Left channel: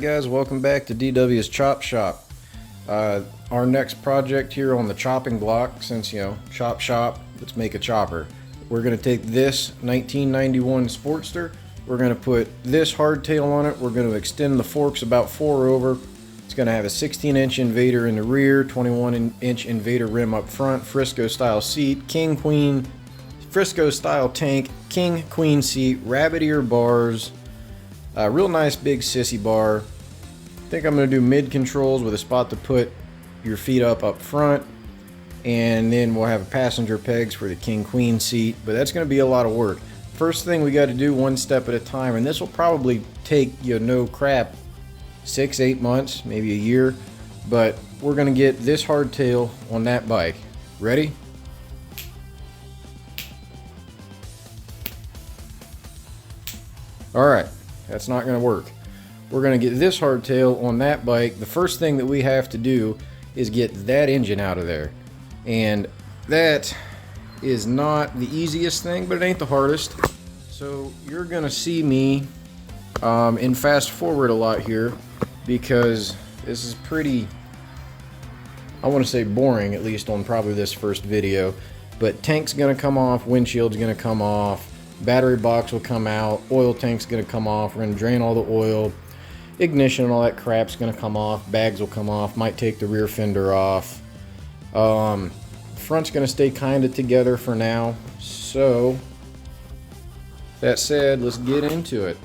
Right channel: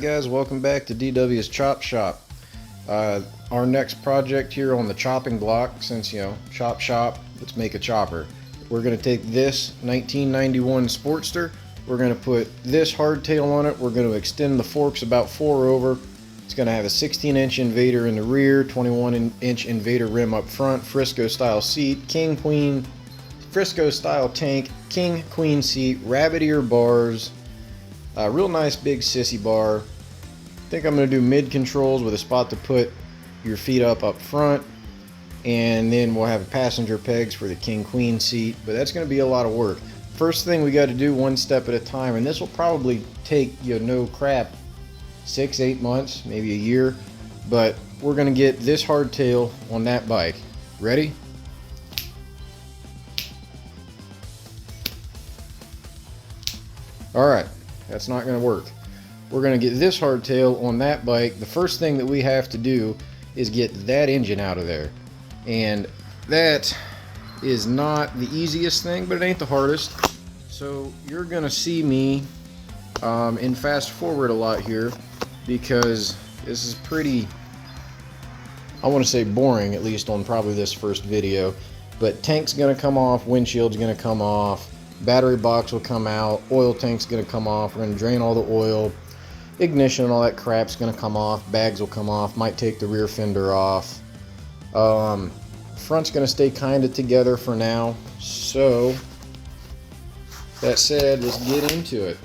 Alright guys, welcome back to DW's Chop Shop. Our next project here on the chopping block, since chop shop, let's make a chopper. We're going to take this 1991 Sportster, we're going to put this hardtail on it, we're going to extend the forks about 4 over. It's going to have a 16-inch Invader in the rear, 21-inch Invader rim up front, Frisco style seat, king queen, Frisco style tank, king queen seat, rabbit ear bars, real nice big sissy bar. I think I'm going to do mid controls with a spot to put your feet up front, and then we'll have passenger pegs for the king queen seat, but that's going to be a lot of work. First thing we got to do one step at a time, and this will probably take no crap 6-8 months, maybe a year, but we're going to get this hardtail on that bike. Ready? Alright, that's not going to work. We're going to get this hardtail on that bike. The first thing that we have to do is get that engine out of there. And that is not the easiest thing, but it ain't the hardest. So you're going to see me in fast forward a lot here, because this is pretty, I want to say boring, at least on probably this first video. But tank's going to come off, windshield's going to come off, battery box will come out, oil tank's going to come off, we're going to drain all the oil, ignition and all that crap's going to come off, bags will come off, might take the rear fender off. Front's going to stay kind of together for now. So that said, let's get into it.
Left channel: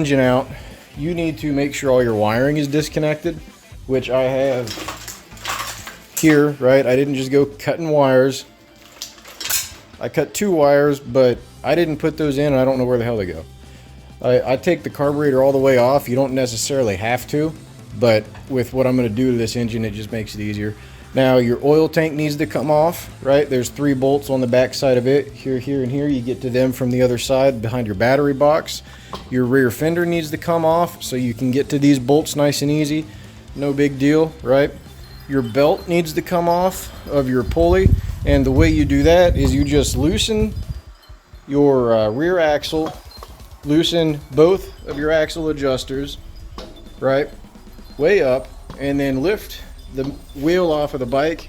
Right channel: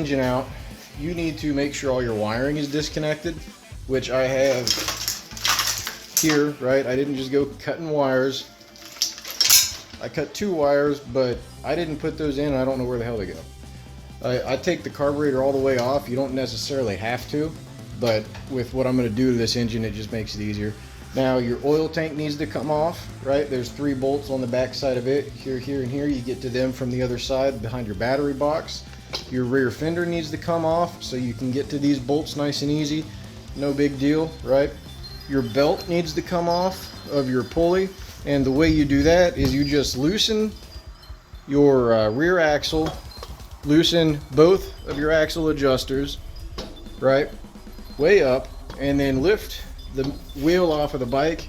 engine out, you need to make sure all your wiring is disconnected, which I have here, right? I didn't just go cutting wires. I cut 2 wires, but I didn't put those in, and I don't know where the hell they go. I take the carburetor all the way off. You don't necessarily have to, but with what I'm going to do to this engine, it just makes it easier. Now, your oil tank needs to come off, right? There's 3 bolts on the back side of it. Here, here, and here. You get to them from the other side behind your battery box. Your rear fender needs to come off so you can get to these bolts nice and easy. No big deal, right? Your belt needs to come off of your pulley, and the way you do that is you just loosen your rear axle, loosen both of your axle adjusters, right, way up, and then lift the wheel off of the bike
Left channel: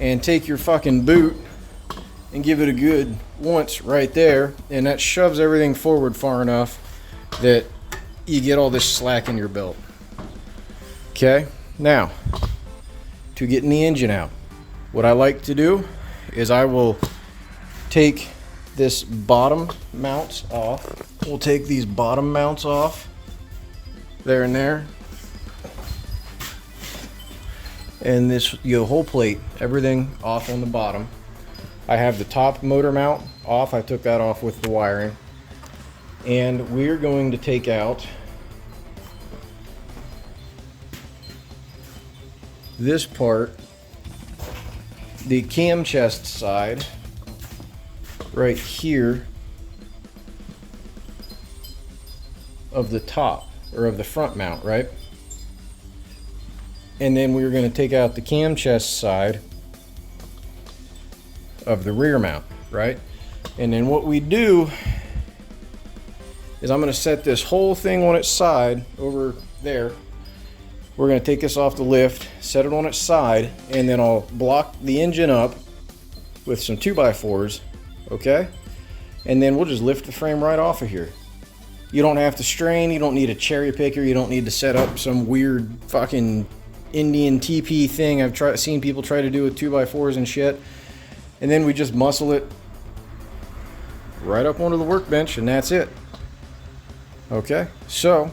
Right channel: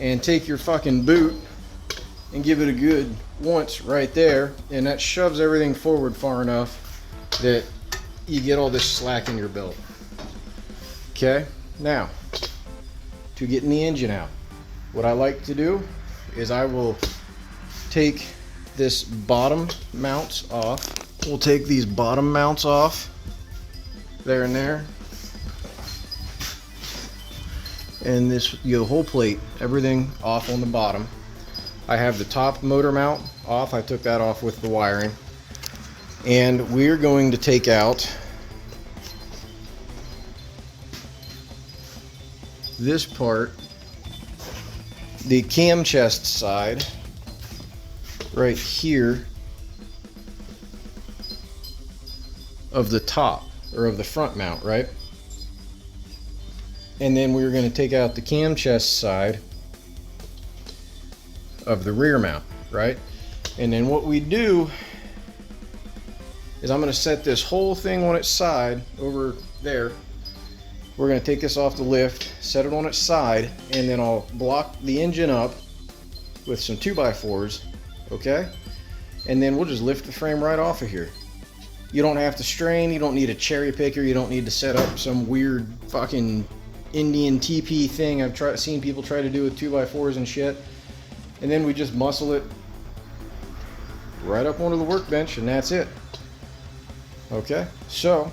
and take your fucking boot and give it a good once right there, and that shoves everything forward far enough that you get all this slack in your belt. Okay, now to getting the engine out, what I like to do is I will take this bottom mounts off. We'll take these bottom mounts off, there and there, and this whole plate, everything off on the bottom. I have the top motor mount off. I took that off with the wiring, and we're going to take out this part, the cam chest side, right here of the top, or of the front mount, right? And then we're going to take out the cam chest side of the rear mount, right? And then what we do is I'm going to set this whole thing on its side over there. We're going to take this off the lift, set it on its side, and then I'll block the engine up with some 2x4s, okay? And then we'll just lift the frame right off of here. You don't have to strain, you don't need a cherry picker, you don't need to set up some weird fucking Indian TP thing I've seen people try to do with 2x4s and shit. And then we just muscle it right up onto the workbench, and that's it. Okay, so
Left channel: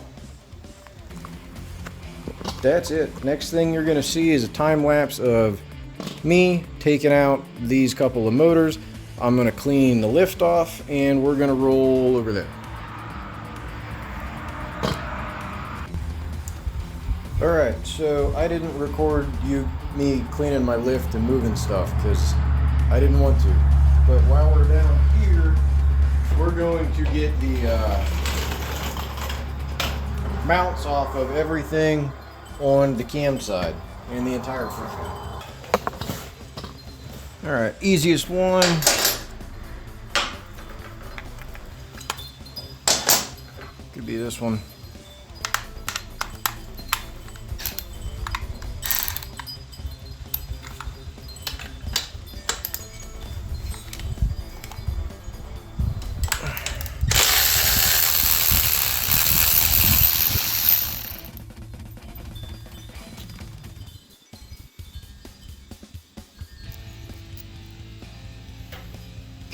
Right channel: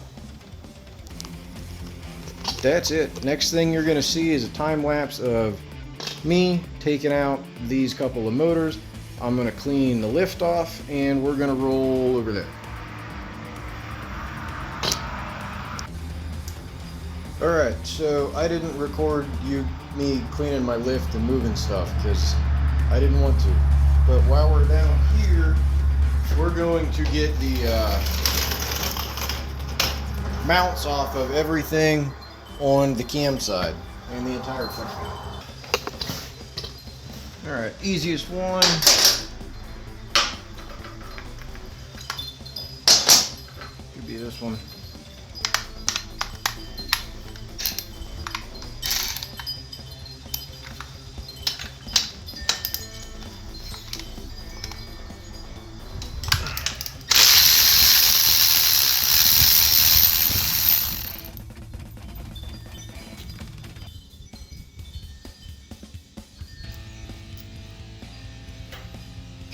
that's it. Next thing you're gonna see is a time lapse of me taking out these couple of motors. I'm gonna clean the lift off, and we're gonna roll over there. Alright, so I didn't record me cleaning my lift and moving stuff because I didn't want to. But while we're down here, we're going to get the mounts off of everything on the cam side and the entire front mount. Alright, easiest one. Could be this one.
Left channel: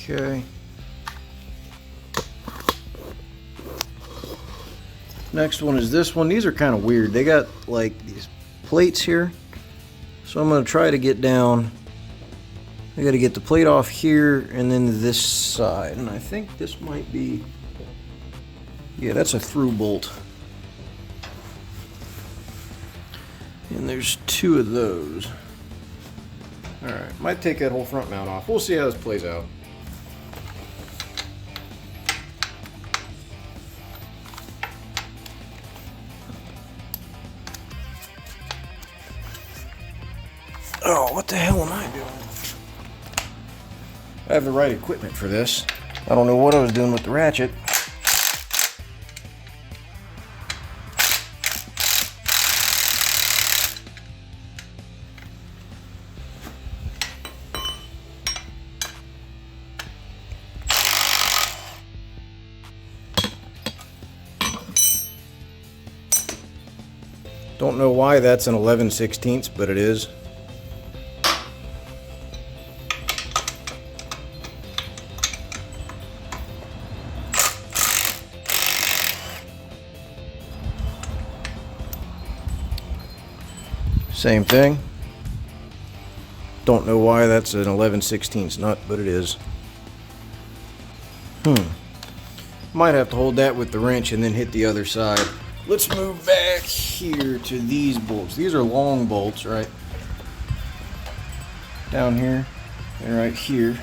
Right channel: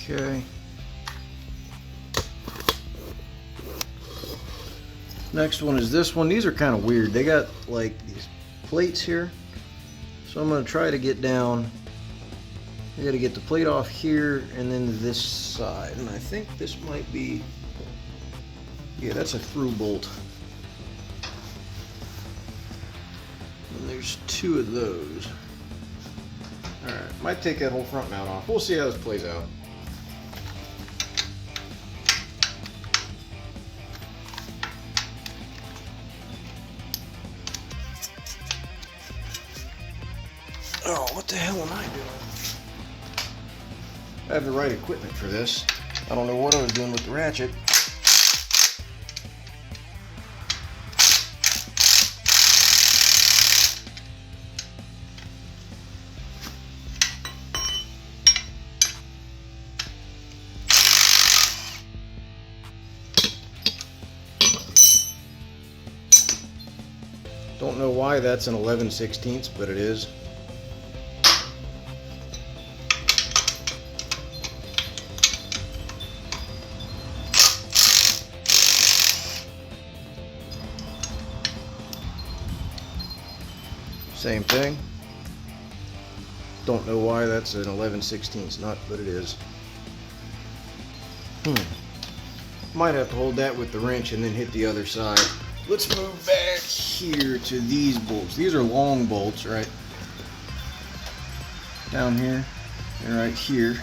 Okay. Next one is this one. These are kind of weird. They got like these plates here. So I'm going to try to get down. I got to get the plate off here and then this side. And I think this might be, yeah, that's a through bolt. And there's 2 of those. Alright, might take that whole front mount off. We'll see how this plays out. Oh, what the hell am I doing? I have the right equipment for this. I don't know what I was doing with the ratchet. Don't know why that's an 11/16, but it is. Same thing. Don't know why that's an 11/16 nut, but it is. Might have to hold that with the wrench and then hit the other side. Let's move back here to these bolts. These are long bolts, right? Down here and right here.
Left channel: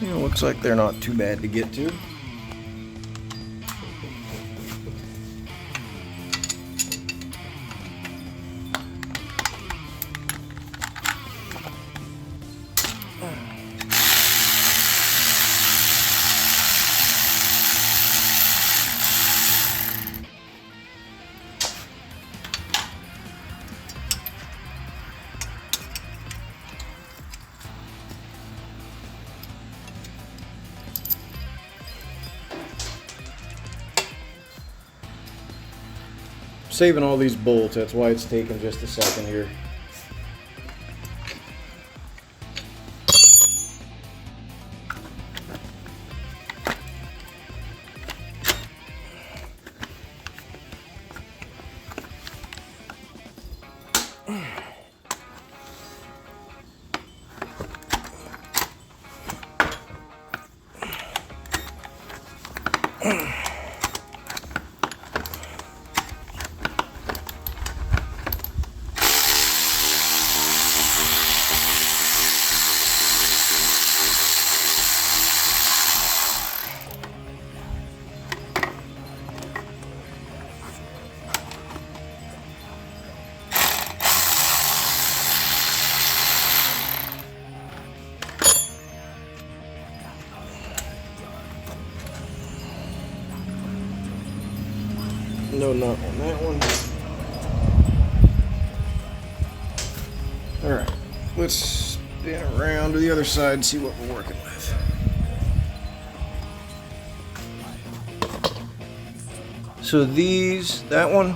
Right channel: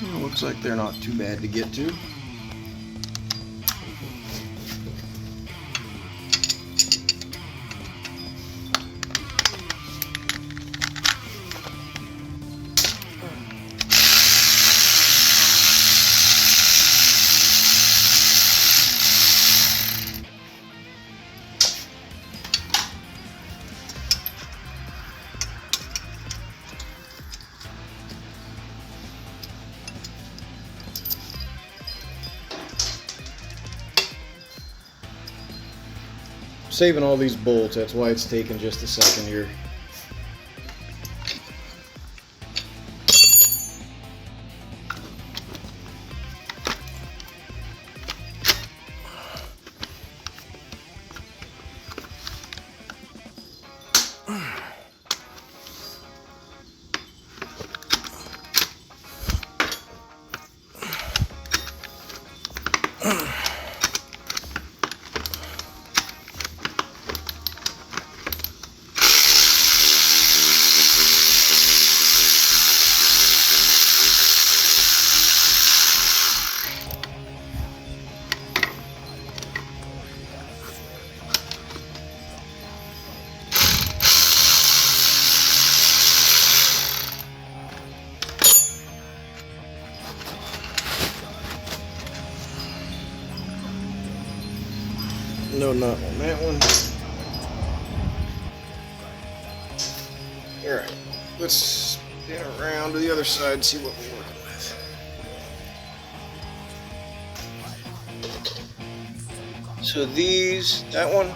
Looks like they're not too bad to get to. Saving all these bolts, that's why it's taking just a second here. No nut on that one. Alright, let's spin around to the other side and see what we're working with. So these, that one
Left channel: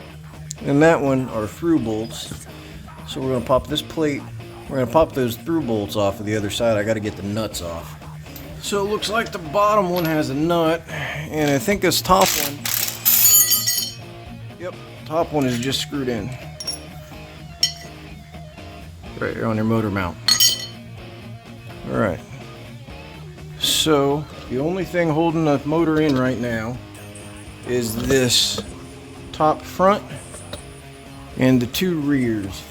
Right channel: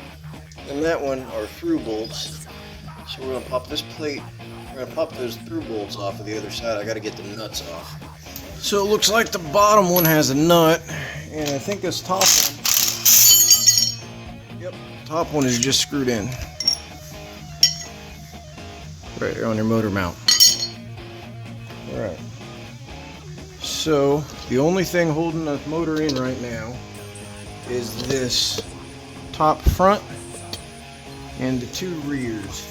and that one are through bolts. So we're going to pop this plate, we're going to pop those through bolts off of the other side. I got to get the nuts off. So it looks like the bottom one has a nut, and I think this top one, yep, top one is just screwed in. Right here on your motor mount. Alright. So the only thing holding the motor in right now is this top front and the two rears.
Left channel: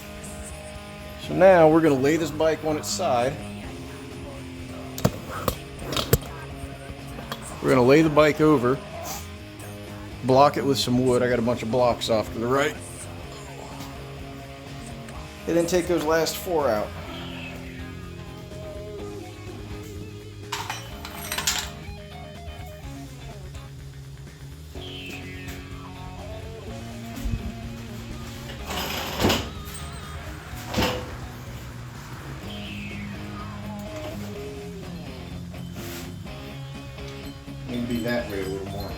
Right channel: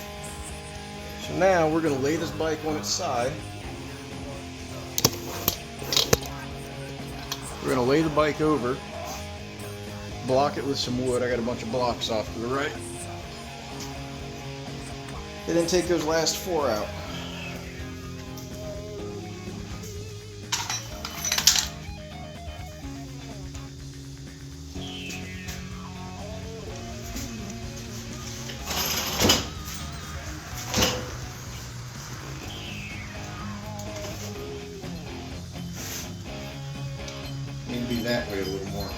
So now we're going to lay this bike on its side. We're going to lay the bike over, block it with some wood. I got a bunch of blocks off to the right. And then take those last four out. Need to be that way a little more.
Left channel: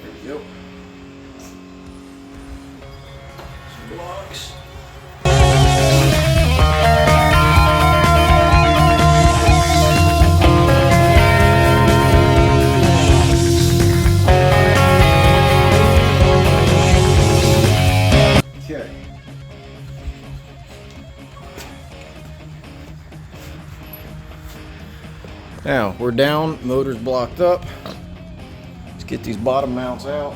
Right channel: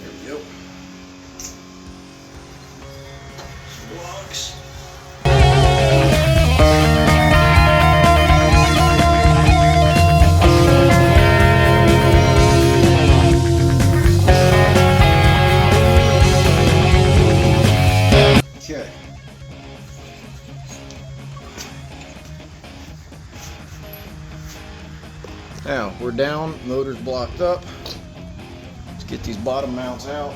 There we go. Some blocks. Okay. Now we're down, motor's blocked up. Let's get these bottom mounts out.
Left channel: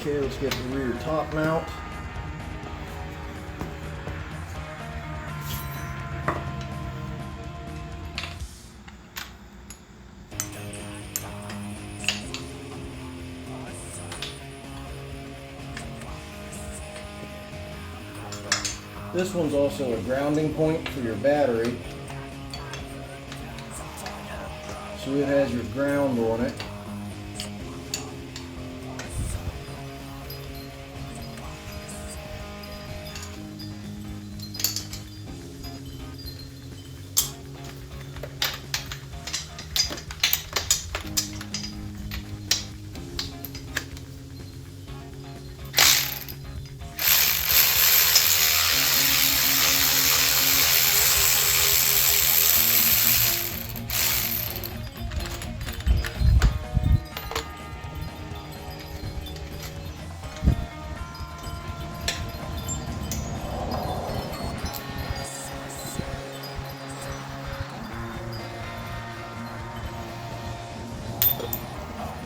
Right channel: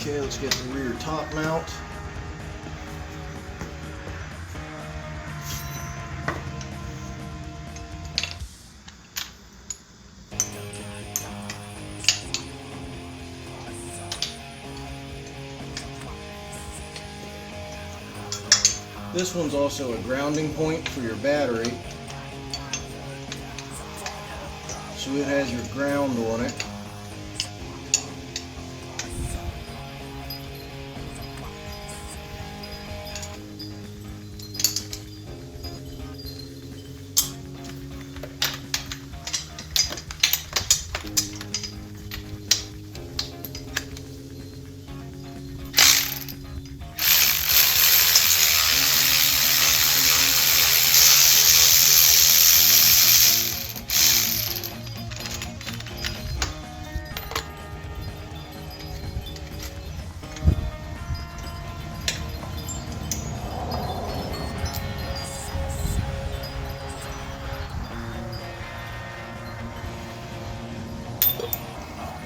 Okay, let's get the rear top mount. This one's also a grounding point for your battery. So it has your ground on it.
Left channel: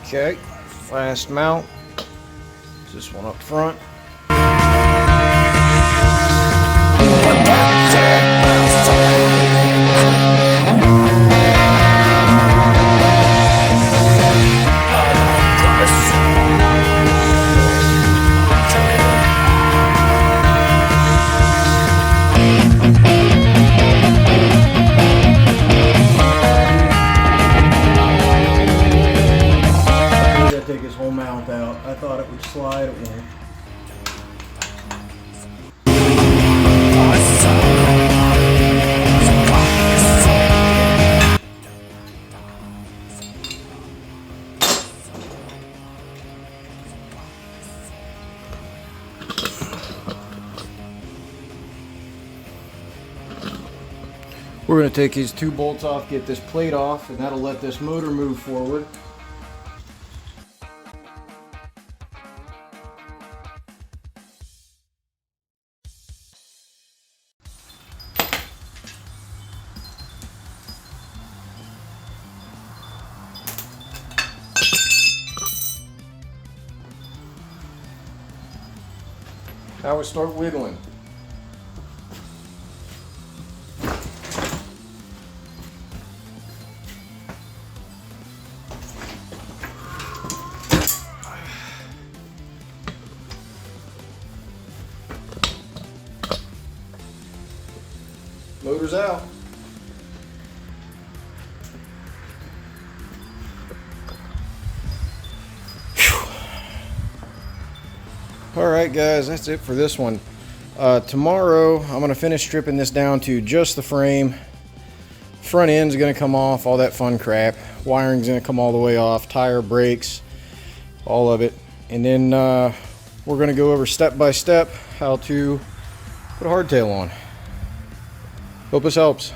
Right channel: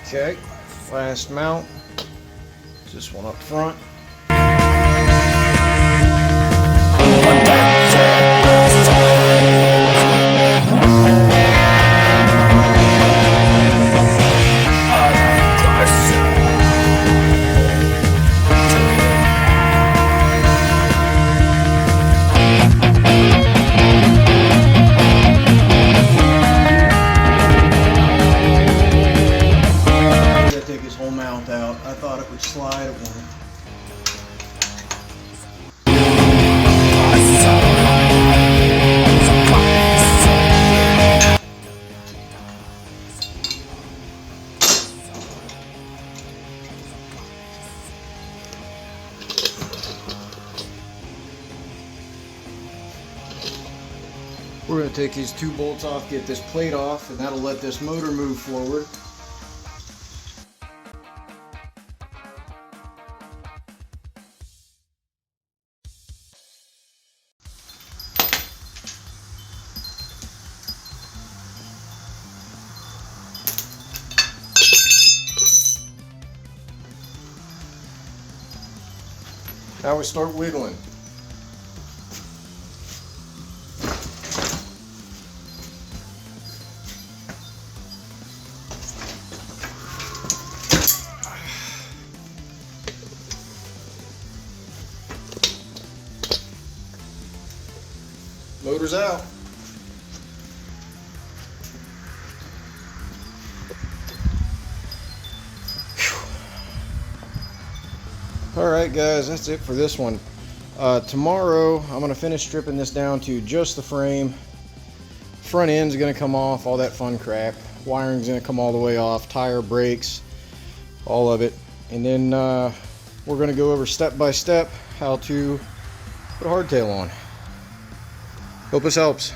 Okay, last mount, this one up front. Take his whole mount out. I thought it would slide, it won't. We're going to take these two bolts off, get this plate off, and that'll let this motor move forward. Now we start wiggling. Motor's out. Alright guys, that's it for this one. Tomorrow I'm going to finish stripping this down to just the frame. Front end's going to come off, all that fun crap. Wiring's going to come all the way off, tire, brakes, all of it. And then we're going to go over step by step how to put a hardtail on. Hope this helps.